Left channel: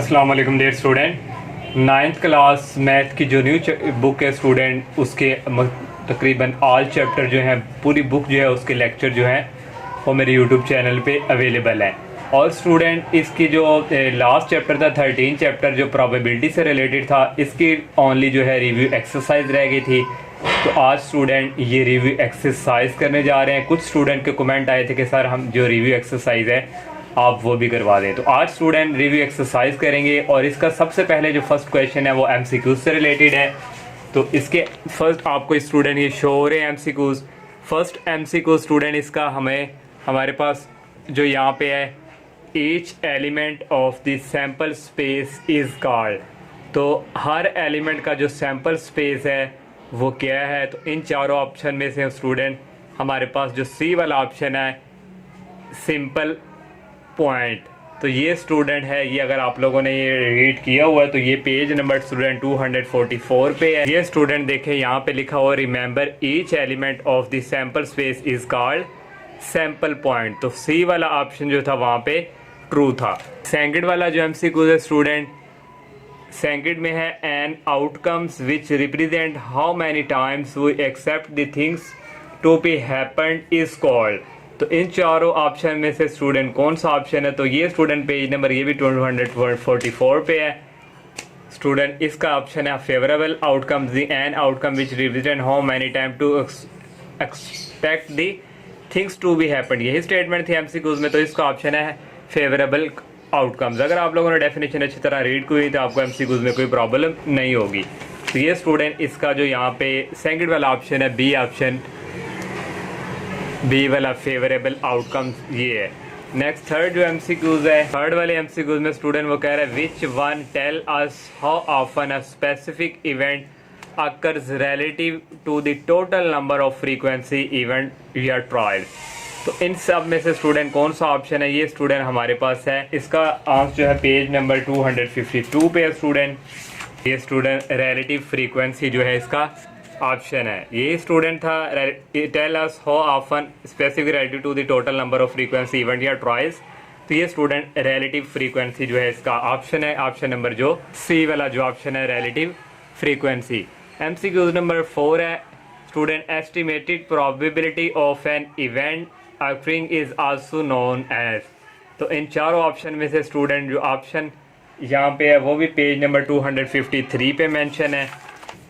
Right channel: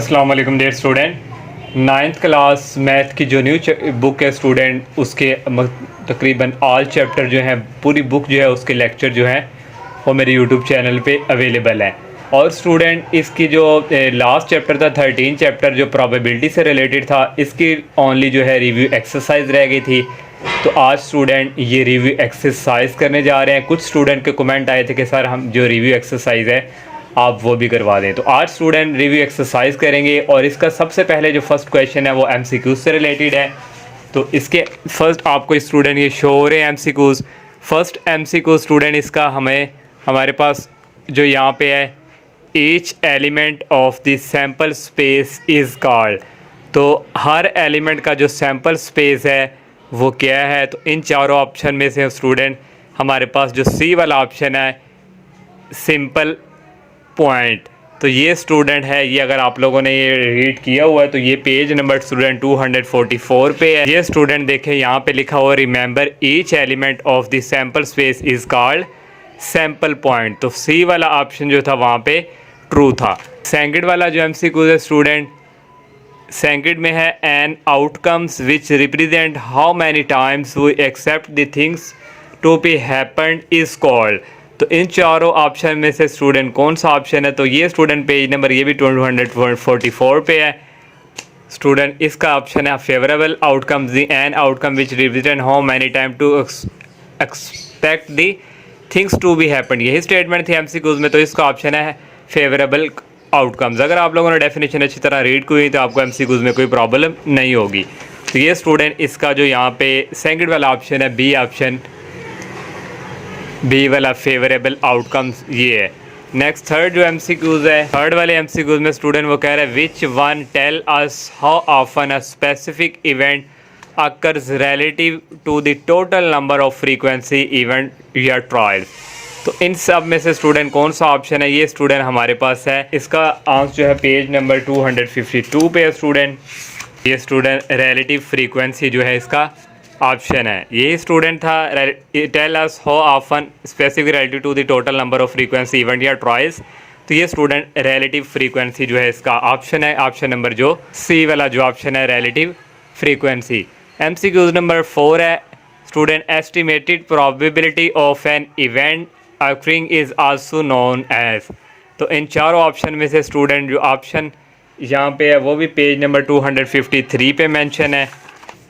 अस्सलाम वालेकुम dear student. Ninth class math की जो न्यू बुक है स्टूडेंट, उसके तकरीबन ऑल चैप्टर जो हैं, पूरी बुक जो है उसके लेक्चर जो हैं वो मेरे यूट्यूब चैनल पे अवेलेबल है। और स्टूडेंट इसकी जो लास्ट चैप्टर था 13 चैप्टर जो प्रोबेबिलिटी से रिलेटेड था, इसकी ओनली जो है रिव्यू एक्सरसाइज रह गई थी। तो आज स्टूडेंट ये रिव्यू एक्सरसाइज करने जा रहे हैं। कुछ स्टूडेंट के कमेंट आए थे कि सर हम जो रिव्यू एक्सरसाइज है आप वो भी करवा दें। तो आज स्टूडेंट रिव्यू एक्सरसाइज करेंगे और इसका सबसे पहले जो फर्स्ट क्वेश्चन है वो एमसीक्यूज से रिलेटेड है। तो इसके फर्स्ट आपको स्टूडेंट ये शो हो रहे हैं एमसीक्यूज। फर्स्ट एमसीक्यू स्टूडेंट इसका हमारे पास जो यहाँ पे है, each element of the sample space is called. तो हर एलिमेंट का जो सैम्पल स्पेस है वो क्या है। तो इन चारों ऑप्शन में से स्टूडेंट हमारे पास जो सी वाला ऑप्शन है, सिंपल पॉइंट, तो ये स्टूडेंट है, ये अगर आप लोगों ने ये रीड किया हुआ है तो ये पेज नंबर स्टूडेंट 244 पे है। ये स्टूडेंट देखें यहाँ पे लिखा हुआ remember each element of the sample space is called sample point. तो सी वाला ऑप्शन जो था वहाँ पे ट्रू था। सेकंड वाला जो एमसीक्यू है स्टूडेंट, सेकंड में है n outcomes which represent how many times we except the things to be happened is called. तो इन चारों ऑप्शन में से स्टूडेंट कौन सा ऑप्शन है। तो ये स्टूडेंट पेज नंबर ये भी 244 पे है स्टूडेंट। इसका ऑप्शन है favourable outcomes the n outcome which represent how many time to expect the things to be happened. यही स्टेटमेंट थी एमसीक्यूज में, तो इसका ऑप्शन है फेवरेबल आउटकम्स। अगर आप लोगों ने डेफिनेशन अच्छी तरह रीड की हुई तो आपको एमसीक्यूज में कोई प्रॉब्लम नहीं होगी। तो ये स्टूडेंट इसका जो यहाँ पे सेकंड वाला ऑप्शन है, बी ऑप्शन, बी वाला फेवरेबल आउटकम्स ये है। नेक्स्ट थर्ड जो एमसीक्यूज है, थर्ड वाले एमसीक्यूज में स्टूडेंट वो कह रहे हैं which one tell us how often a specific event occurs relative to the total number of frequency event या ट्रायल। तो इन सब में से स्टूडेंट कौन सा ऑप्शन है, ये स्टूडेंट हमारे पास है। इसका आंसर जो है पेज नंबर 252 पे है स्टूडेंट। ये स्टूडेंट रिलेटिव फ्रीक्वेंसी जो है इसका ऑप्शन है। यही स्टूडेंट था tell us how often specific relative to the total number of frequency event या ट्रायल्स। तो ये स्टूडेंट रिलेटिव फ्रीक्वेंसी जो है इसका ऑप्शन है, ऑप्शन नंबर जो सी वाला जो ऑप्शन है रिलेटिव फ्रीक्वेंसी। एमसीक्यूज नंबर 4 है student estimated probability of an event occurring is also known as. तो इन चारों ऑप्शन में से स्टूडेंट जो ऑप्शन यहाँ पे है वो भी पेज नंबर 253 पे मेंशन है।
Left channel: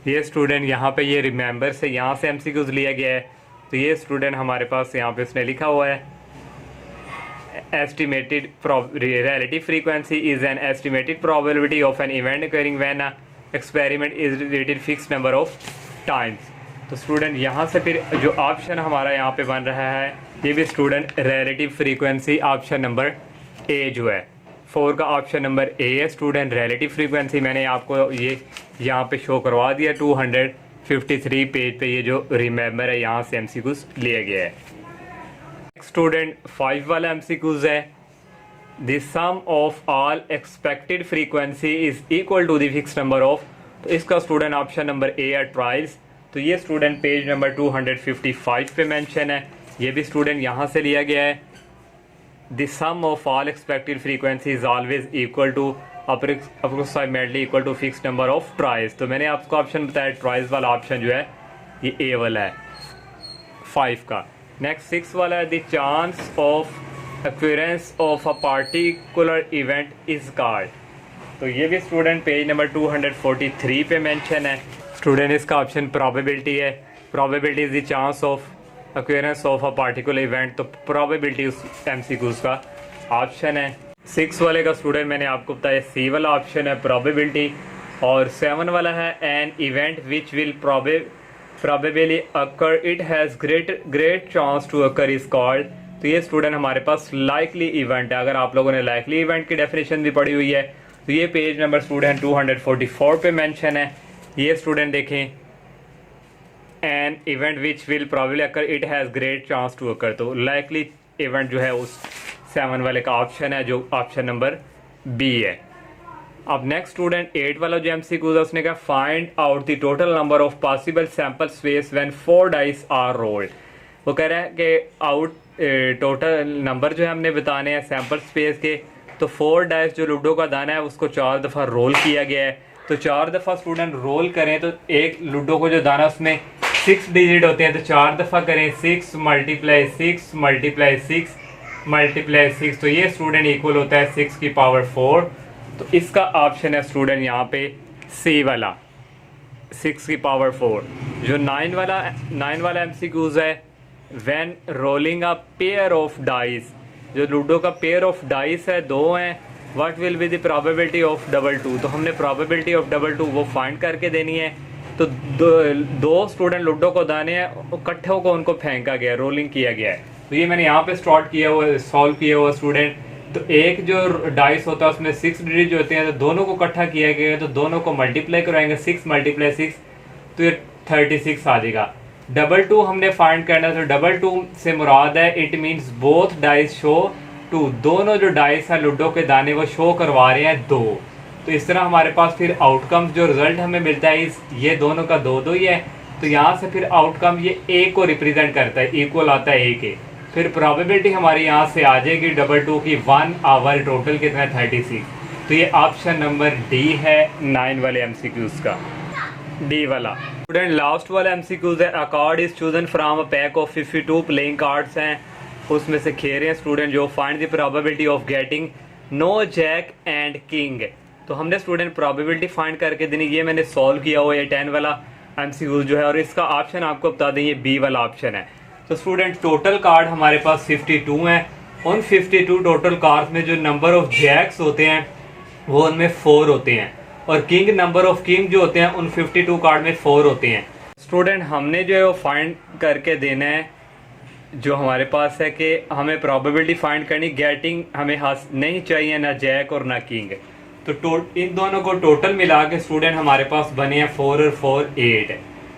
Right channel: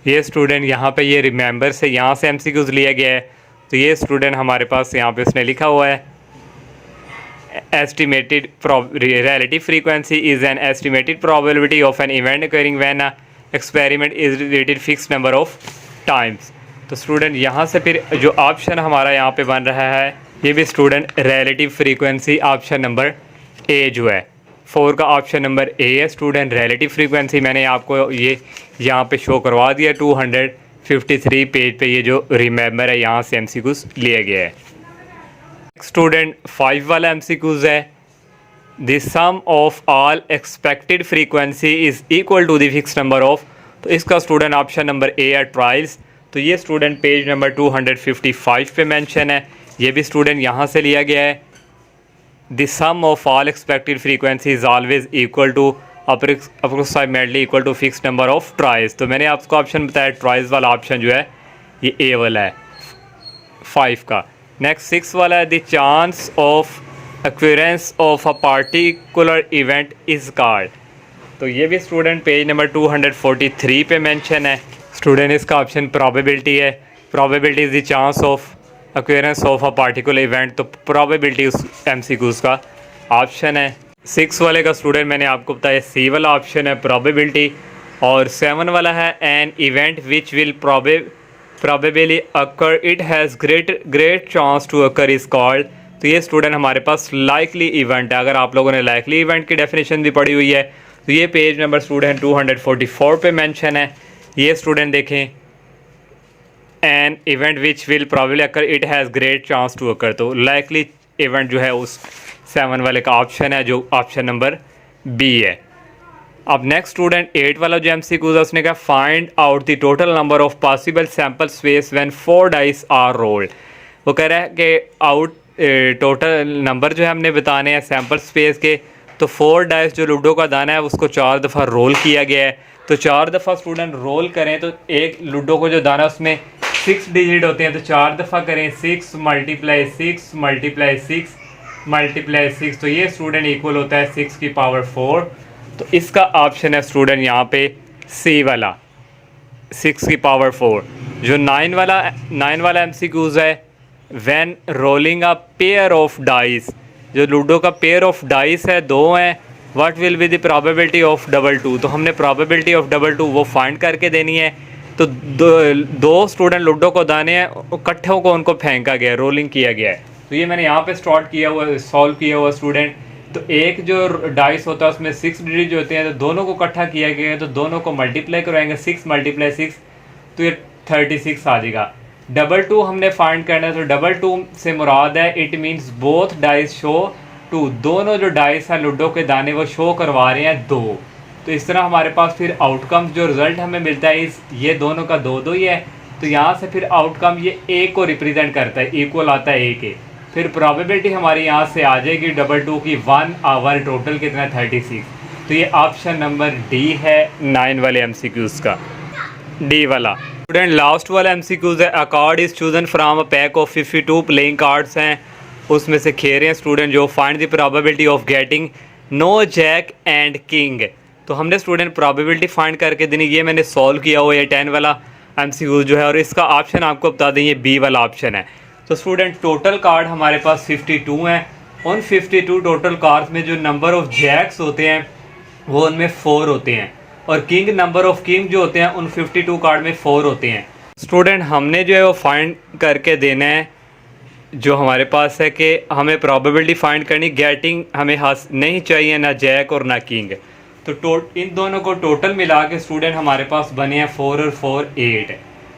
ये स्टूडेंट यहाँ पे ये रिमेंबर से यहाँ से एमसीक्यूज लिया गया है। तो ये स्टूडेंट हमारे पास यहाँ पे उसने लिखा हुआ है estimated relative frequency is an estimated probability of an event occurring when a experiment is related fix number of times. तो स्टूडेंट यहाँ से फिर जो ऑप्शन हमारा यहाँ पे बन रहा है ये भी student relative frequency option number A जो है 4 का ऑप्शन नंबर ए है स्टूडेंट रिलेटिव फ्रीक्वेंसी। मैंने आपको ये यहाँ पे शो करवा दिया 253 पेज पे ये जो रिमेंबर है यहाँ से एमसीक्यूज लिया गया है। स्टूडेंट 5 वाला एमसीक्यूज है the sum of all expected frequency is equal to the fix number of. तो इसका स्टूडेंट ऑप्शन नंबर ए है ट्रायल्स। तो ये स्टूडेंट पेज नंबर 255 पे मेंशन है। ये भी स्टूडेंट यहाँ से लिया गया है the sum of all expected frequency is always equal to approximately equal to fix number of trials. तो मैंने आपको ऑप्शन बताया ट्रायल्स वाला ऑप्शन जो है ये ए वाला है 5 का। नेक्स्ट 6 वाला है the chance of occurrence of a particular event is called. तो ये भी स्टूडेंट पेज नंबर 243 पे मेंशन है स्टूडेंट। इसका ऑप्शन प्रोबेबिलिटी है। Probability is the chance of occurrence of a particular event. तो प्रोबेबिलिटी उस एमसीक्यूज का ऑप्शन है। 6 वाले का स्टूडेंट मैंने आपको बताया सी वाला ऑप्शन है प्रोबेबिलिटी। और 7 वाला है an event which will probably occur it has great chance to occur is called. तो ये स्टूडेंट हमारे पास लाइकली इवेंट है। अगर आप लोगों ने लाइकली इवेंट की डेफिनेशन भी पढ़ी हुई है तो ये पेज नंबर स्टूडेंट 244 पे मेंशन है। ये स्टूडेंट देखें an event which will probably occur it has great chance to occur. तो लाइकली इवेंट जो है उस 7 वाले का ऑप्शन है जो ऑप्शन नंबर बी है। अब नेक्स्ट स्टूडेंट 8 वाला जो एमसीक्यूज है उसने कहा find out the total number of possible sample space when 4 dice are rolled. वो कह रहा है कि आउट टोटल नंबर जो है हमने बताने हैं सैम्पल स्पेस के तो 4 डाइस जो लूडो का दाना है उसको 4 दफ़ा रोल किया गया है। तो 4 दफ़ा स्टूडेंट रोल करें तो एक लूडो को जो दाना उसमें 6 डिजिट होते हैं, तो 4 दफ़ा करें 6 मल्टीप्लाई 6 मल्टीप्लाई 6 मल्टीप्लाई 6, तो ये स्टूडेंट इक्वल होता है 6 की पावर 4। तो इसका ऑप्शन है स्टूडेंट यहाँ पे सी वाला 6 की पावर 4। जो 9 वाला MCQs है, when rolling a pair of dice, जो लूडो का पेयर ऑफ डाइस है 2 हैं, what will be the probability of double 2। तो हमने प्रोबेबिलिटी ऑफ डबल 2 वो फाइंड करके देनी है। तो दो स्टूडेंट लूडो को दाने हैं, इकट्ठों को उनको फेंका गया, रोलिंग किया गया है। तो ये मैंने यहाँ पे स्टार्ट किया हुआ, सॉल्व किया हुआ स्टूडेंट। तो एक जो डाइस होता है उसमें 6 डिजिट होते हैं, तो दोनों को इकट्ठा किया गया है, तो दोनों को मल्टीप्लाई करवाएंगे 6 मल्टीप्लाई 6, तो ये 36 आ जाएगा। डबल 2 हमने फाइंड करना है, तो डबल 2 से मुराद है it means both dice show 2, दोनों जो डाइस हैं लूडो के दाने वो शो करवा रहे हैं 2। तो इस तरह हमारे पास फिर आउटकम जो रिजल्ट हमें मिलता है ये दोनों का 2-2 ही है। तो यहाँ से फिर आउटकम ये ए को रिप्रेजेंट करता है, इक्वल आता है ए के। फिर प्रोबेबिलिटी हमारी यहाँ से आ जाएगी डबल 2 की 1 आवर, टोटल कितना 36। तो ये ऑप्शन नंबर डी है 9 वाले MCQs का, डी वाला। स्टूडेंट लास्ट वाला MCQs है, a card is chosen from a pack of 52 playing cards हैं, उसमें से खेल रहे हैं स्टूडेंट जो find the probability of getting no jack and king. तो हमने स्टूडेंट प्रोबेबिलिटी फाइंड करके देनी, ये मैंने सॉल्व किया हुआ है 10 वाला MCQs जो है, और इसका ऑप्शन आपको बता दें ये बी वाला ऑप्शन है। तो स्टूडेंट टोटल कार्ड हमारे पास 52 हैं, उन 52 टोटल कार्ड्स में जो नंबर ऑफ जैक्स होते हैं वो उनमें 4 होते हैं, और किंग नंबर ऑफ किंग जो होते हैं उन 52 कार्ड में 4 होते हैं। स्टूडेंट हमने जो है वो फाइंड करके देना है, जो हमारे पास है कि हमें प्रोबेबिलिटी फाइंड करनी, गेटिंग हमें नहीं चाहिए ना जैक और ना किंग। तो इन दोनों को टोटल मिला के स्टूडेंट हमारे पास बने हैं 4 और 4 8।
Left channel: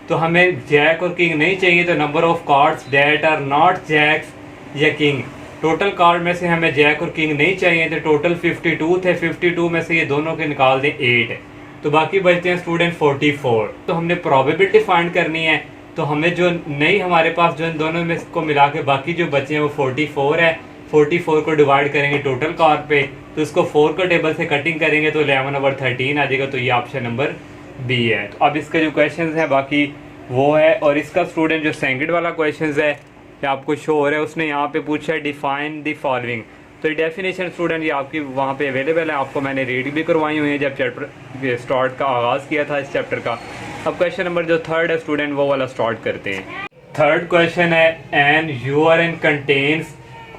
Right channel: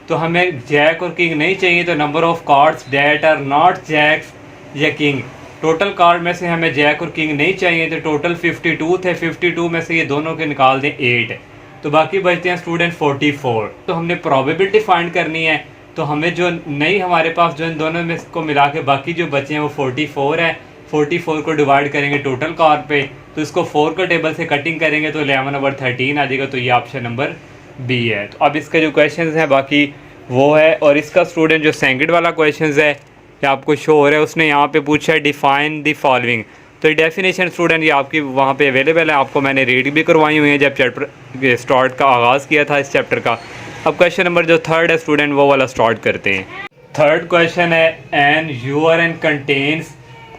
तो हमें जैक और किंग नहीं चाहिए, तो number of cards that are not jacks या किंग, टोटल कार्ड में से हमें जैक और किंग नहीं चाहिए, तो टोटल 52 थे, 52 में से ये दोनों के निकाल दें 8, तो बाकी बचते हैं स्टूडेंट 44। तो हमने प्रोबेबिलिटी फाइंड करनी है, तो हमें जो नहीं हमारे पास जो इन दोनों में को मिला के बाकी जो बचे हैं वो 44 है। 44 को डिवाइड करेंगे टोटल कार्ड पे, तो इसको 4 के टेबल से कटिंग करेंगे तो 11/13 आ जाएगा। तो ये ऑप्शन नंबर बी है। तो अब इसका जो क्वेश्चन है बाकी वो है, और इसका स्टूडेंट जो सेंगड वाला क्वेश्चन है ये आपको शो हो रहा है, उसने यहाँ पे पूछा है डिफाइन द फॉलोइंग। तो ये डेफिनेशन स्टूडेंट ये आपकी वहाँ पे अवेलेबल है, आपको मैंने रीड भी करवाई हुई है जब चैप्टर स्टार्ट का आगाज़ किया था इस चैप्टर का। अब क्वेश्चन नंबर जो 3 है स्टूडेंट वो वाला स्टार्ट करते हैं। 3rd क्वेश्चन है, an urn contains,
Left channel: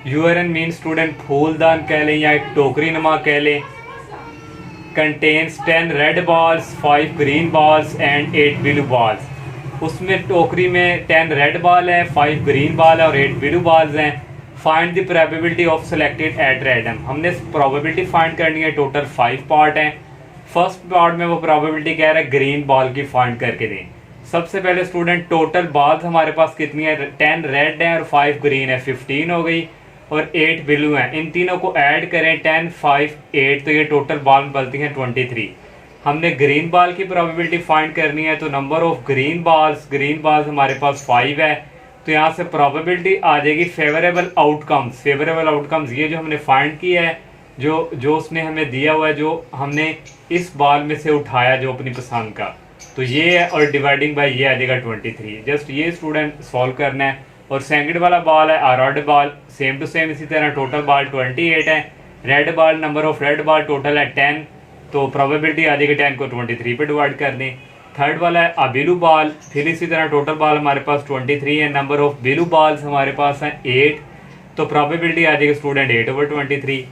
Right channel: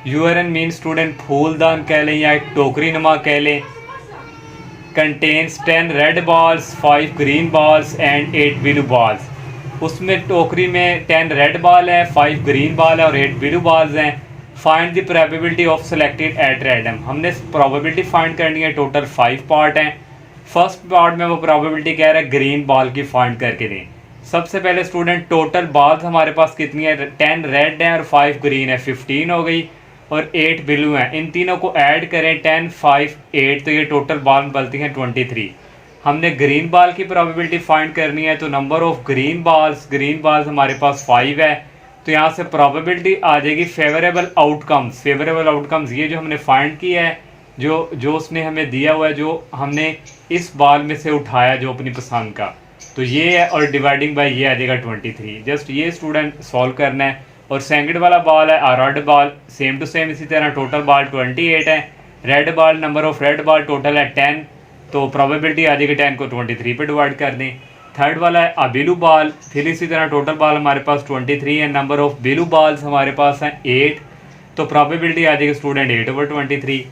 urn mean student फूलदान कह लें या एक टोकरी नुमा कह लें, contains 10 red balls 5 green balls and 8 blue balls. उसमें टोकरी में 10 रेड बॉल है, 5 ग्रीन बॉल है और 8 ब्लू बॉल्स हैं। Find the probability of selected at random. हमने प्रोबेबिलिटी फाइंड करनी है, टोटल 5 पार्ट हैं। फर्स्ट पार्ट में वो प्रोबेबिलिटी कह रहा है ग्रीन बॉल की फाइंड करके दें। सबसे पहले स्टूडेंट टोटल बॉल्स हमारे पास कितनी है, 10 रेड है और 5 ग्रीन है, 15 हो गई, और 8 ब्लू है। इन तीनों को ऐड करें 10 5 8, तो ये टोटल बॉल बनती हैं 23। हमने ग्रीन बॉल की प्रोबेबिलिटी फाइंड करनी है, तो नंबर ऑफ ग्रीन बॉल्स हमारे पास 5 है। तो यहाँ से प्रोबेबिलिटी आ जाएगी फेवरेबल आउटकम्स ये जो हमने फाइंड किया है, जो उसने हमें दिया हुआ है, जो हमने इस बॉल में से उठाया जो अपनी पसंद का, तो ये है, और डिवाइडिंग बाय ये आ जाएगा 23। जस्ट ये स्टूडेंट सॉल्व करना है। और सेकंड वाला बॉल है red ball, same to same इसी तरह टोटल बॉल 28 है। Red ball number of red ball total है 10, तो प्रोबेबिलिटी आ जाएगी 10 को 23 पे डिवाइड कर दें। थर्ड वाला है ब्लू बॉल, फिर इसी तरह टोटल बॉल हमारे पास 23 है, नंबर ऑफ ब्लू बॉल्स हमारे पास हैं 8, तो प्रोबेबिलिटी आ जाएगी स्टूडेंट 8/23।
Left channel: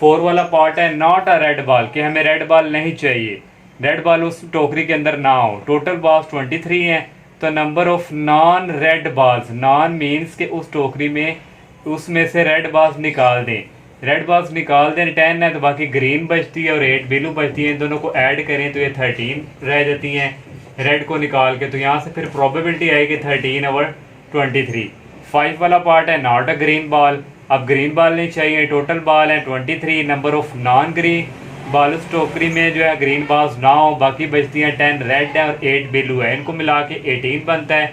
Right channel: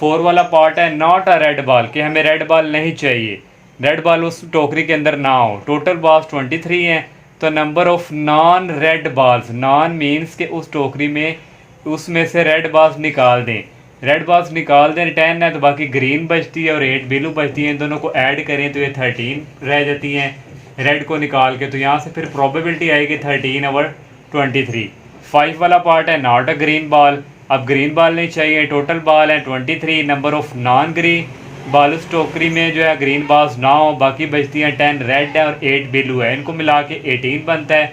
4 वाला पार्ट है नॉट अ रेड बॉल, कि हमें रेड बॉल नहीं चाहिए, रेड बॉल उस टोकरी के अंदर ना हो। टोटल बॉल्स 23 हैं, तो number of non red balls, non means के उस टोकरी में उसमें से रेड बॉल्स निकाल दें। रेड बॉल्स निकाल दें 10 है, तो बाकी ग्रीन बचती है और 8 ब्लू बचती है। इन दोनों को ऐड करें तो ये 13 रह जाती हैं रेड को निकाल के। तो यहाँ से फिर प्रोबेबिलिटी आएगी 13/23। 5 वाला पार्ट है नॉट अ ग्रीन बॉल, अब ग्रीन बॉल नहीं चाहिए, टोटल बॉल है 23, number of non green ball उस टोकरी में जो है ग्रीन बॉल्स ना हो, बाकी बचती हैं 10 रेड है और 8 ब्लू है, इनको मिला के 18 बनता है।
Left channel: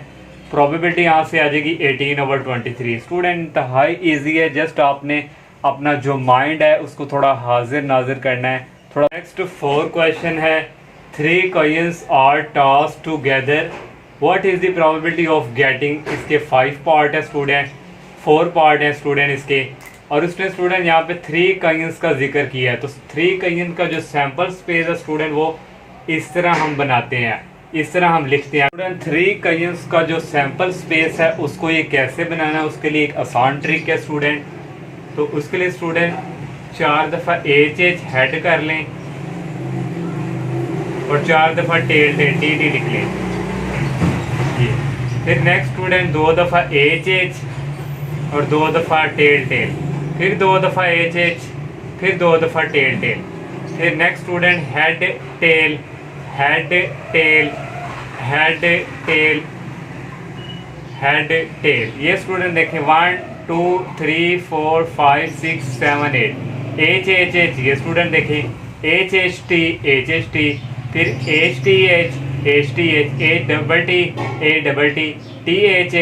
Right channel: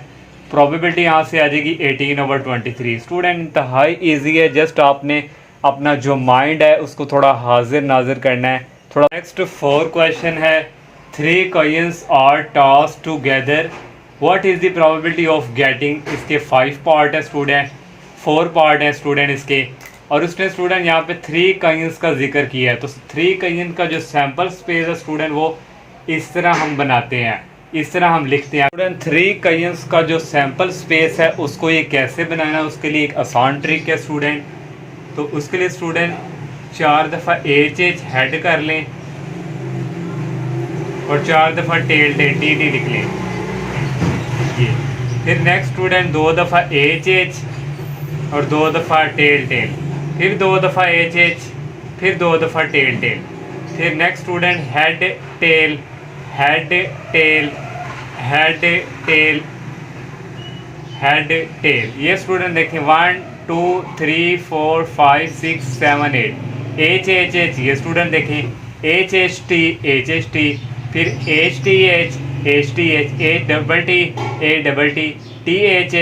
प्रोबेबिलिटी यहाँ से आ जाएगी 18/23। स्टूडेंट हाई ईजी है, जस्ट आपने अपना जो माइंड है उसको थोड़ा हाजिर नाजिर करना है थोड़ा। नेक्स्ट 4 क्वेश्चन है, 3 coins are tossed together, what is the probability of getting. इसके 5 पार्ट है स्टूडेंट, 4 पार्ट है स्टूडेंट इसके, और उसने स्टूडेंट यहाँ पे 3 कॉइन्स का जिक्र किया है। तो 3 कॉइन का जो सैम्पल स्पेस है स्टूडेंट वो इस तरह हम बनाते हैं, इस तरह हम लिखते हैं स्टूडेंट। 3 कॉइन्स का जो सैम्पल स्पेस है उसको ये कैसे बनाना है, उसके लिए एक आसान ट्रिक है स्टूडेंट। तो उसके लिए स्टूडेंट 4 दफ़ा एच हेड कर लें और 4 दफ़ा टेल टी लिख लें ये। फिर नेक्स्ट स्टूडेंट 2 दफ़ा एच और 2 दफ़ा टेल, फिर 2 दफ़ा एच, फिर 2 दफ़ा टेल। फिर next student head tail, head tail, head tail, head tail. ये स्टूडेंट देखें 1 2 3 4 5 6 7 8 एच। ये स्टूडेंट देखें एच टी, फिर H T H, A double T, T H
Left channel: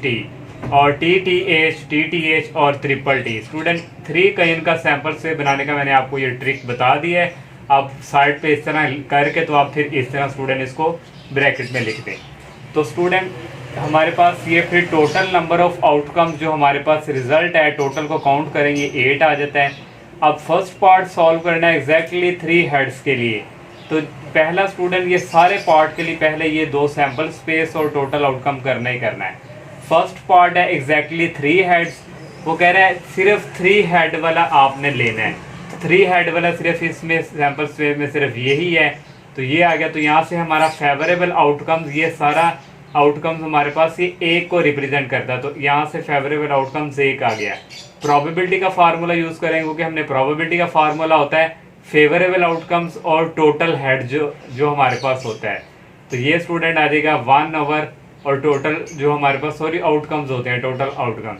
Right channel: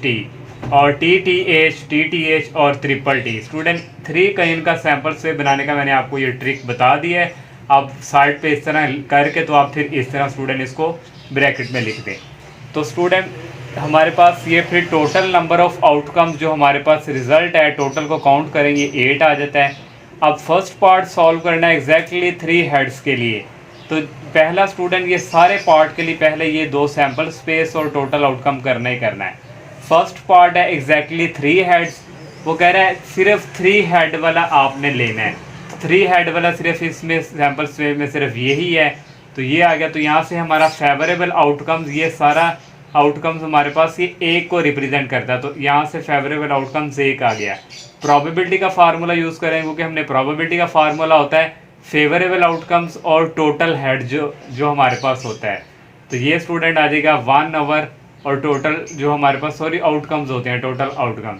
T और टी एच और ट्रिपल टी। स्टूडेंट 3 कॉइन का sample से बनाने का मैंने आपको ये ट्रिक बता दी है। आप साइड पे इस तरह करके तो आप फिर इस तरह स्टूडेंट इसको ब्रैकेट में लिख दें। तो स्टूडेंट हमारे पास ये फिर टोटल नंबर ऑफ आउटकम्स जो हमारे पास रिजल्ट है टोटल को काउंट करेंगे 8 आ जाता है। अब फर्स्ट पार्ट सॉल्व करना है एग्जैक्टली 3 हेड्स के लिए। तो पहला स्टूडेंट ये सारे पार्ट के लिए पहले ये 2 सैंपल स्पेस और टोटल आउटकम करना ही करना है। फर्स्ट पार्ट है एग्जैक्टली 3 हेड्स, वो कह रहा है सिर्फ 3 हेड वाला आपने लेना है। 3 हेड वाला सिर्फ इसमें सैंपल स्पेस में सिर्फ यही है, तो ये आ गया। तो यहाँ से हमारा फेवरेबल आउटकम्स, ये सारा आउटकम्स हमारे पास ये 1 को रिप्रेजेंट करता है। तो यहाँ से फेवरेबल आउटकम्स 1 आ गया। प्रोबेबिलिटी का फार्मूला यूज़ करेंगे क्योंकि हमने प्रोबेबिलिटी का फार्मूला होता है फेवरेबल आउटकम्स और टोटल हेड जो हमारे पास होता है। तो ये स्टूडेंट आ जाएगा 1 ओवर और टोटल जो हमारे पास आउटकम्स होते हैं टोटल आउटकम।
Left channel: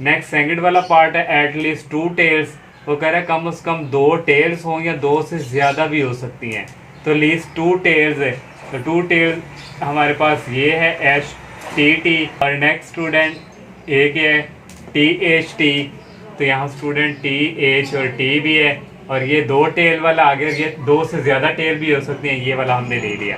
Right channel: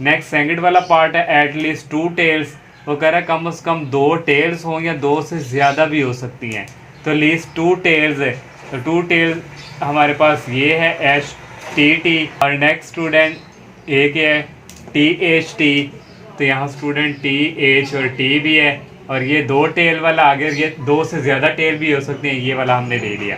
नेक्स्ट सेकंड वाला पार्ट है एटलीस्ट 2 टेल्स, वो कह रहा है कम से कम 2 टेल्स हों या 2 से ज़्यादा भी हो सकती हैं। तो लीस्ट 2 टेल्स है, तो 2 टेल्स हमारे पास ये है एच टी और नेक्स्ट स्टूडेंट एक है टी एच टी। तो यहाँ स्टूडेंट टी एच और टी भी है और ये 2 टेल वाला आ गया, ये 2 से ज़्यादा टेल भी हो सकते हैं, ये वाला हमने ले लिया।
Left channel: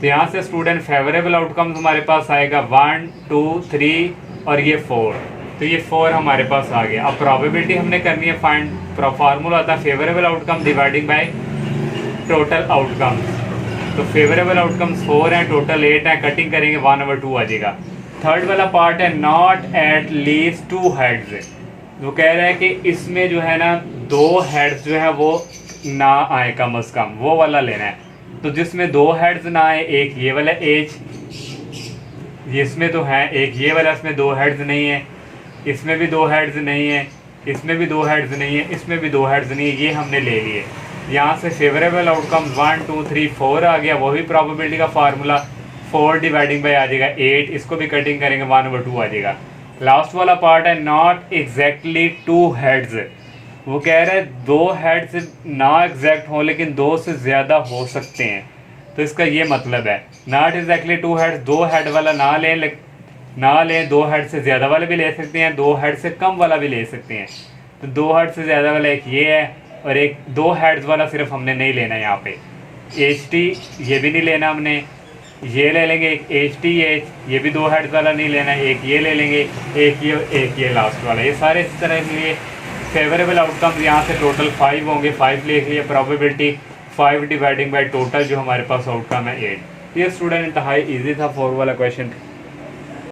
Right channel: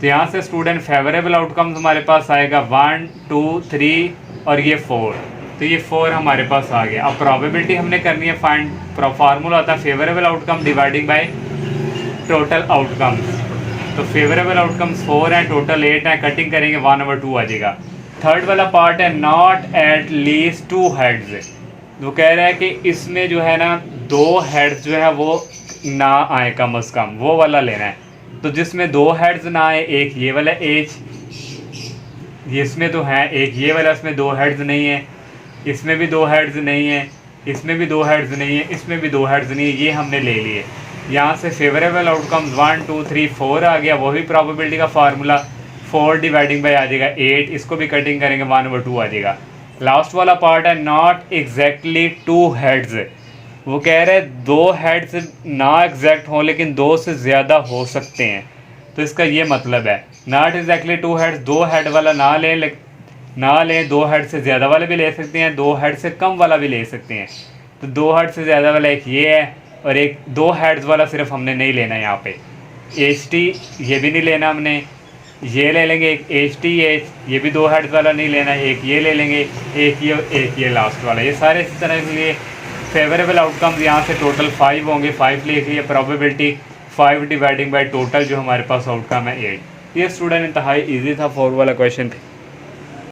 तो यहाँ से स्टूडेंट फेवरेबल आउटकम्स हमारे पास आएगा 1 2 3 और ये 4। तो ये 4 हमारे पास आ गया। अब प्रोबेबिलिटी हमने करनी है फाइंड, फार्मूला होता है favourable outcome dividing by total outcomes. तो फेवरेबल आउटकम्स 4 हैं, टोटल 8 हैं, कटिंग करेंगे 1/2 आ जाएगा। थर्ड वाला पार्ट है नॉट एट लीस्ट 2 हेड्स, वो कह रहा है कि इसमें जो है ना 2 हेड्स जो है वो ना आए कम से कम, वो वाला लेना है। तो जिसमें 2 हेड्स ना आए, एक ये वाला एज, इसमें तो है एक ये वाला, इसमें 2 हेड्स नहीं है, इसमें भी 2 हेड्स नहीं है, इसमें भी 2 हेड्स नहीं है, इसमें भी 2 हेड्स नहीं है, ये हमने ले लिए। यहाँ से फेवरेबल आउटकम्स 1 2 3 4 आ गया, वही प्रोबेबिलिटी का फार्मूला 4 डिवाइडिंग बाय आ जाएगा 8, इसको भी कटिंग करेंगे 1/2 आ जाएगा। लास्ट वाला पार्ट है नॉट एग्जैक्टली 2 हेड्स, वो कह रहे हैं 2 हेड्स ना एग्जैक्ट हों लेकिन 2 से ज़्यादा हो सकते हैं। तो इसका ये मतलब है नॉट एग्जैक्टली 2 हेड्स, 2 हेड वाला ना लें, 2 हेड से ज़्यादा वाले भी ले सकते हैं, 2 हेड से कम वाला भी ले सकते हैं। तो 2 हेड से ज़्यादा वाला एक ये है और एक 2 हेड्स वाला सिर्फ हमने नहीं लेना है। यहाँ पे एच टी ये भी नहीं लेना हमने, ये ले लेंगे एक एच टी एच, ये भी 2 हेड्स वाला नहीं लेना है, एक ये ले लेंगे, एक ये लास्ट वाला। ये सारे इस तरह के लिए फेवरेबल आउटकम यहाँ से टोटल 5 होंगे, 5 लिख लिए, प्रोबेबिलिटी 5 डिवाइडिंग बाय टोटल जो हमारे पास आउटकम है 8। ये स्टूडेंट इंतहाई ईजी था 4 वाला क्वेश्चन।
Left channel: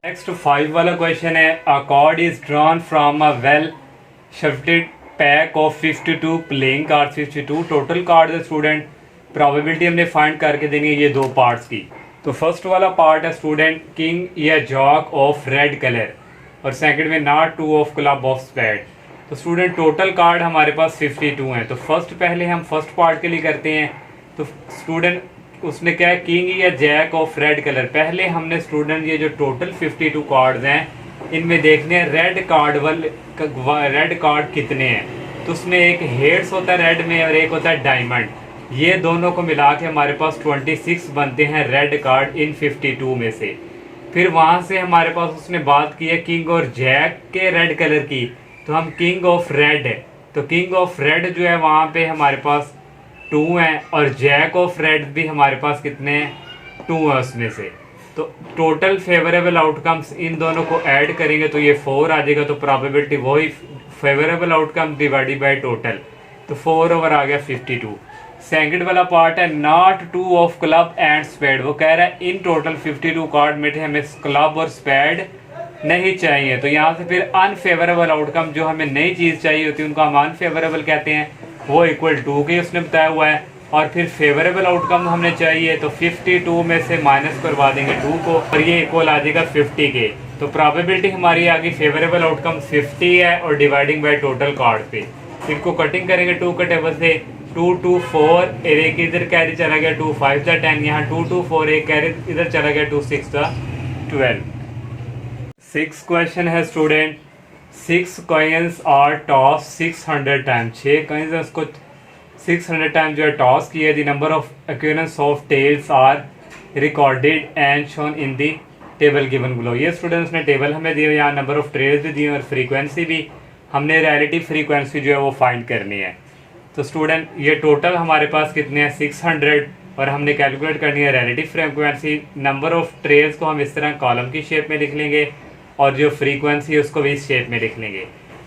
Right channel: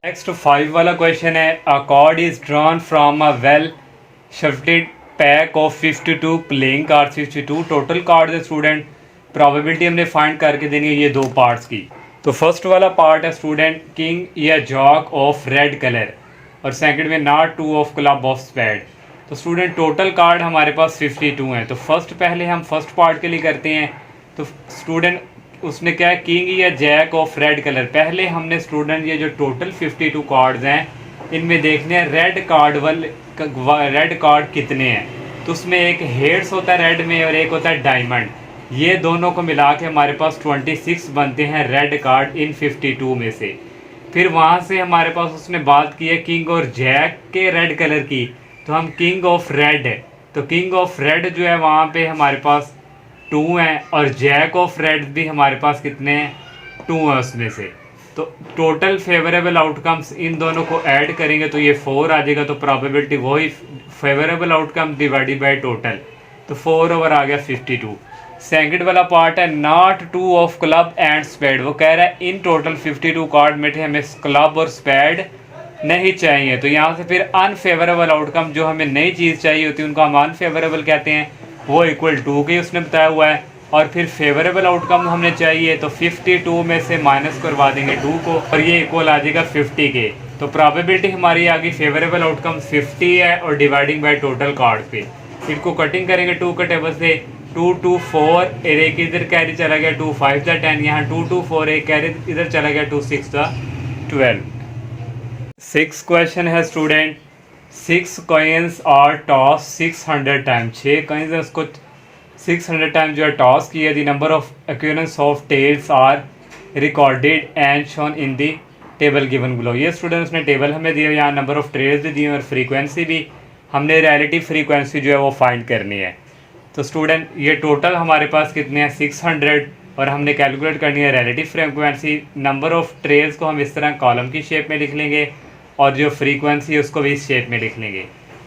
नेक्स्ट 5 वाला क्वेश्चन है a card is drawn from a well shifted pack of 52 playing card 52 total card है स्टूडेंट। प्रोबेबिलिटी हमने फाइंड करके देनी है ये 2 पार्ट्स की। तो फर्स्ट वाला पार्ट है स्टूडेंट किंग या जॉक ऑफ रेड कलर और सेकंड में not 2 of club of spade. तो स्टूडेंट टोटल कार्ड हमारे पास 52 हैं। तो पहले हम फर्स्ट पार्ट के लिए करते हैं। तो स्टूडेंट उसने क्या है किंग या जैक ऑफ रेड कलर। पहले हमने स्टूडेंट ये जो टोटल 52 कार्ड्स हैं इनमें देखने हैं रेड कार्ड कितने हैं। तो उसमें एक हेड्स होता है रेड में और एक होता है डायमंड, ये दोनों को मिला के हमारे पास 26 बनते हैं रेड कार्ड इन 52 में से। फिर वहाँ से हमारे पास उसने बात की है किंग और जैक के रेड कलर की, तो हम किंग ऑफ रेड है, तो किंग ऑफ रेड जो है वहाँ पे हमारे पास 2 है, और जैक ऑफ रेड भी हमारे पास कितने हैं, 2 है उसमें से। तो टोटल फेवरेबल आउटकम्स इन दोनों को ऐड करेंगे तो ये 4 आ जाएगा, तो प्रोबेबिलिटी वही favourable outcome divided by total, तो 4 ओवर आ गया 52। सेकंड वाला पार्ट है not 2 of club and spade, वो कह रहा है इन टोटल 52 कार्ड में थे, हमें क्लब और स्पेड नहीं चाहिए। तो यहाँ से फिर अनफेवरेबल आउटकम, जो हमें नई चीज़ चाहिए होती है उनको हम अनफेवरेबल कहते हैं, वो इक्वल 2 की उसने बताया हुआ है। और फिर फेवरेबल आउटकम हमने चाहिए तो 52 में से माइनस करवा देंगे 2 को, और ये इक्वल आ जाएगा 50 के। तो प्रोबेबिलिटी हमारी आ गई फेवरेबल आउटकम 50 है, और डिवाइडिंग बाय टोटल कार्ड पे इनको कटिंग करेंगे 2 के टेबल से, 2 2 4, एक इधर कैरी चला गया 2 5 द 10, यहाँ 2 2 4 एक कैरी इधर चला गया 2 6 द 12। 6 क्वेश्चन है student, 6 coins are toss 600 time, 6 coins है उसको 600 टाइम जो है टॉस किया। The number of occurrence of tails are recorded and shown in the table given below. ये स्टूडेंट्स ने टेबल हमें दिए, यहाँ नंबर ऑफ ट्रेल्स भी दिए और फ्रीक्वेंसी भी, हमने रिलेटिव फ्रीक्वेंसी जो है वो फाइंड करनी है। तो स्टूडेंट ये टोटल हमारे पास कितने हैं 600, और हमने कैलकुलेट करनी है relative frequency. Number of trails को हम इस तरह कॉलम की शेप में लिख लेंगे, और जो फ्रीक्वेंसी है उसको भी इस शेप में लिख लेंगे।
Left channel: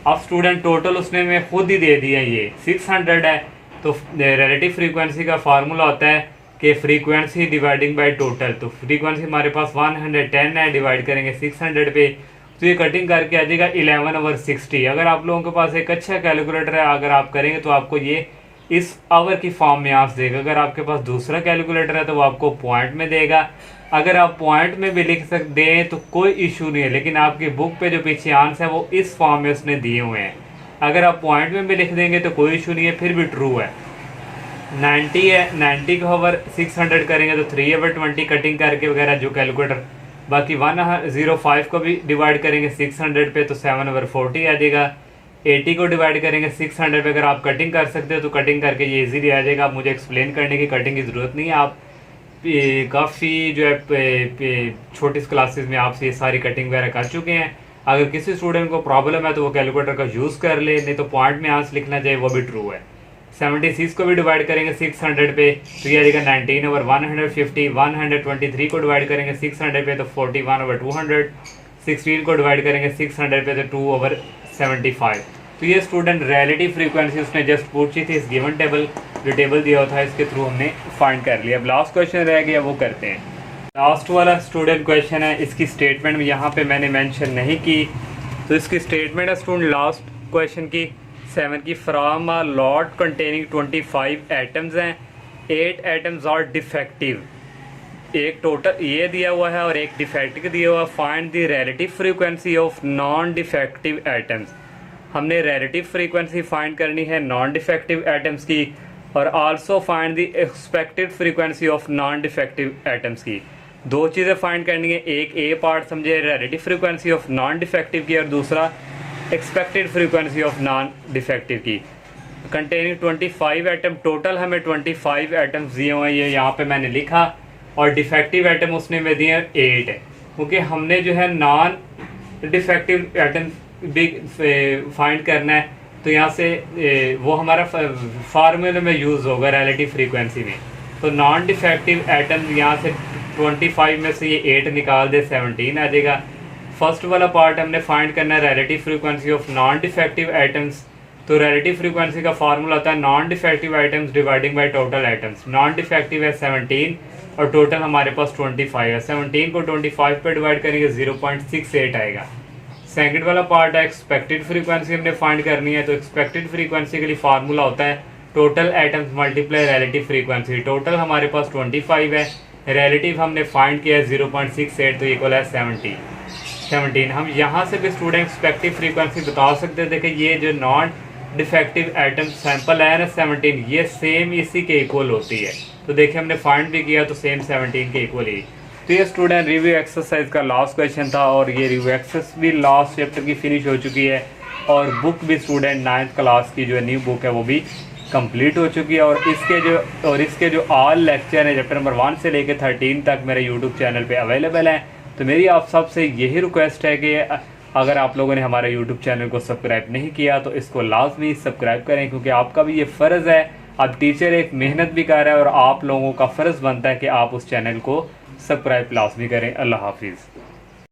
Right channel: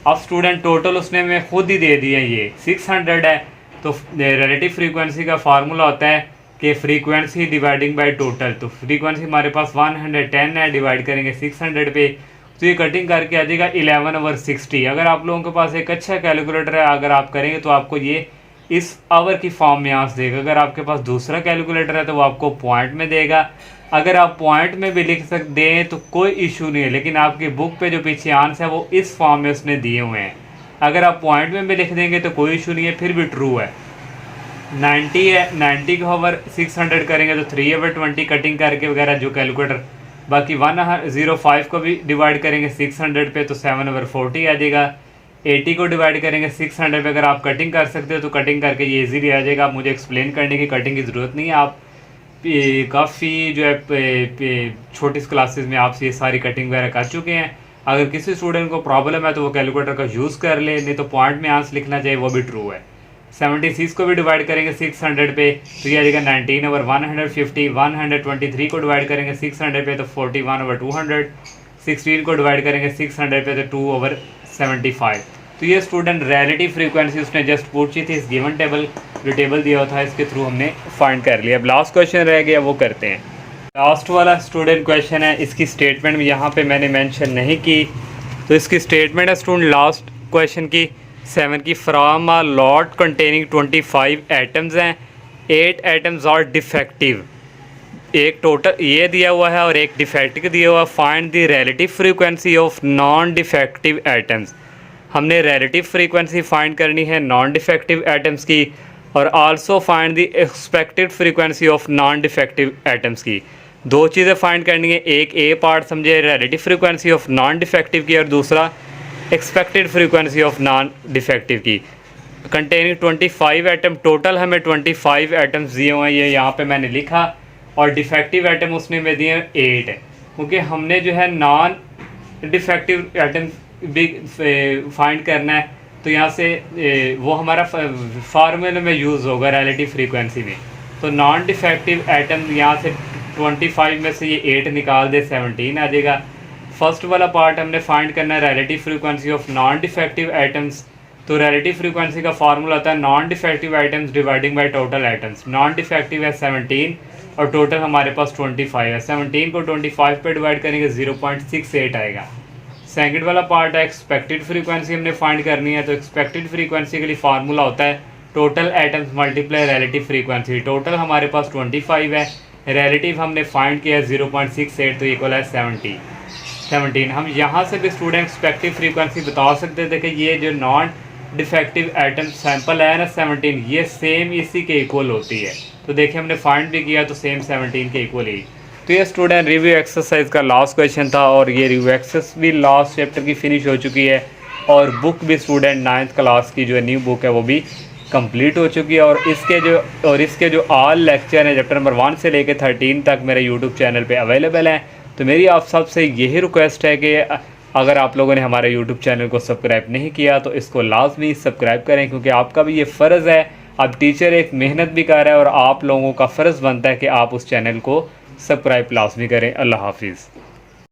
अब स्टूडेंट टोटल उसने हमें खुद ही दे दिया, ये 600 है, तो रिलेटिव फ्रीक्वेंसी का फार्मूला होता है कि फ्रीक्वेंसी डिवाइडिंग बाय टोटल। तो फ्रीक्वेंसी हमारे पास 110 है, डिवाइड करेंगे 600 पे, तो ये कटिंग करके आ जाएगा 11 ओवर 60। अगर आप लोगों के पास एक अच्छा कैलकुलेटर है, अगर आप करेंगे तो आपको ये इस आवर की फॉर्म में आंस देगा। अगर आपके पास दूसरा कैलकुलेटर है तो वो आपको पॉइंट में देगा। अगर आप पॉइंट में भी लिख सकते हैं तो कोई इशू नहीं है, लेकिन आपकी बुक पे जो पीछे आंस है वो इस फॉर्म में उसने दिए हुए हैं। अगर आप पॉइंट में भी लिख देंगे तो कोई इशू नहीं है, फिर भी ट्रू है। 90 है, 90 को ओवर 600 करेंगे तो 3 ओवर 20 कटिंग करके वगैरह जो कैलकुलेटर। बाकी 105 को भी डिवाइड करेंगे 600 पे तो 7 ओवर 40 आ जाएगा। 80 को डिवाइड करेंगे 600 पे, अगर आप कटिंग कर सकते हो तो कटिंग करके ये इजीली आ जाएगा। आप मुझे एक्सप्लेन करने की कटिंग की ज़रूरत नहीं है, आप काफ़ी जो है छोटी क्लासेस में आपसे ये सारी कटिंग वगैरह कर चुके हैं। अगर किसी स्टूडेंट को प्रॉब्लम है तो वो कैलकुलेटर का यूज़ कर ले, नहीं तो पॉइंट में आंसर लिखना चाहिए, वो भी ट्रू है। 76 को भी डिवाइड करेंगे 600 पे तो ये आ जाएगा 19 ओवर 150। 123 को डिवाइड करेंगे 600 पे तो 41 ओवर 200। 16 को डिवाइड करेंगे 600 पे तो 2 ओवर 75। तो ये स्टूडेंट रिलेटिव फ्रीक्वेंसी उसने जस्ट पूछी थी, इस गिवन टेबल जो टेबल दिया हुआ था इसके थ्रू हमने फाइंड कर लिया। अब लास्ट क्वेश्चन रह गया, वो करते हैं। लास्ट वाला स्टूडेंट क्वेश्चन है, इसकी स्टेटमेंट यहाँ पे मैंने मेंशन नहीं की, तो इसकी स्टेटमेंट है स्टूडेंट लास्ट क्वेश्चन की 7 की, from a lot containing 25 atoms हैं, 8 एटम्स आर डिफेक्टिव। एक टोटल ये दिया हुआ है और एक डिफेक्टिव दिया हुआ है। Find the relative frequency of non defective atoms. हमने रिलेटिव फ्रीक्वेंसी फाइंड करनी है नॉन डिफेक्टिव एटम्स की, और also find the expected frequency of non defective atoms की। दो चीज़ें फाइंड करनी है, एक ए पार्ट समझे relative frequency of non defective की, और दूसरा expected frequency of non defective की। कंटेनिंग 25 एटम, टोटल हमें 25 एटम्स दिए हुए हैं, ये यहाँ पे मैंने लिखा, और डिफेक्टिव एटम उसने में दिए 8 है, क्योंकि हमने जो है नॉन डिफेक्टिव एटम भी फाइंड करना है, तो यहाँ से वो हमारा फार्मूले में यूज़ होगा रिलेटिव फ्रीक्वेंसी में। तो नॉन डिफेक्टिव एटम यहाँ से 25 में से ये 8 निकाल दे 17 आ जाएगा। फर्स्ट वाला पार्ट हमने फाइंड करना है relative frequency of non defective atoms. तो रिलेटिव फ्रीक्वेंसी का फार्मूला होता है non defective atoms dividing by total atoms. Non defective है 17 और टोटल हमारे पास 25 है। 17 को 25 पे डिवाइड करेंगे 0.68 आएगा। सेकंड वाला पार्ट है एक्सपेक्टेड फ्रीक्वेंसी हमने फाइंड करनी है। तो एक्सपेक्टेड फ्रीक्वेंसी के लिए फार्मूला होता है total atoms multiply relative frequency. Total हमारे पास 25 है, रिलेटिव हमने फाइंड किया है 0.68, तो इक्वल है 17। हम यहाँ से भी स्टूडेंट एक्सपेक्टेड फ्रीक्वेंसी बता सकते हैं। देखिए ये जो नॉन डिफेक्टिव एटम सैंपल है ना 17, ये सेम इसी के इक्वल होती है। तो देखिए हमने फाइंड भी किया तो सेम 17 के इक्वल ही। तो ये स्टूडेंट रिव्यू एक्सरसाइज का लास्ट क्वेश्चन था, और ये रिव्यू एक्सरसाइज भी लास्ट चैप्टर की फिनिश हो चुकी है, और बुक भी स्टूडेंट 9th क्लास की जो न्यू बुक है वो भी कंप्लीट हो चुकी है। और इसके जो ऑल लेक्चर हैं चैप्टर नंबर 1 से लेकर 13 तक मेरे यूट्यूब चैनल पे अवेलेबल हैं, तो मेरी आप सबसे यही रिक्वेस्ट है कि अगर आप लोगों ने हमारे यूट्यूब चैनल को सब्सक्राइब नहीं किया तो इसको लाजमी सब्सक्राइब करें, क्योंकि आपका भी ये फ़र्ज़ है। अब टीचर एक मेहनत भी कर रहा है और आप लोगों का फ़र्ज़ बनता है कि आप उस चैनल को सब्सक्राइब लाजमी करें। अल्लाह हाफिज़।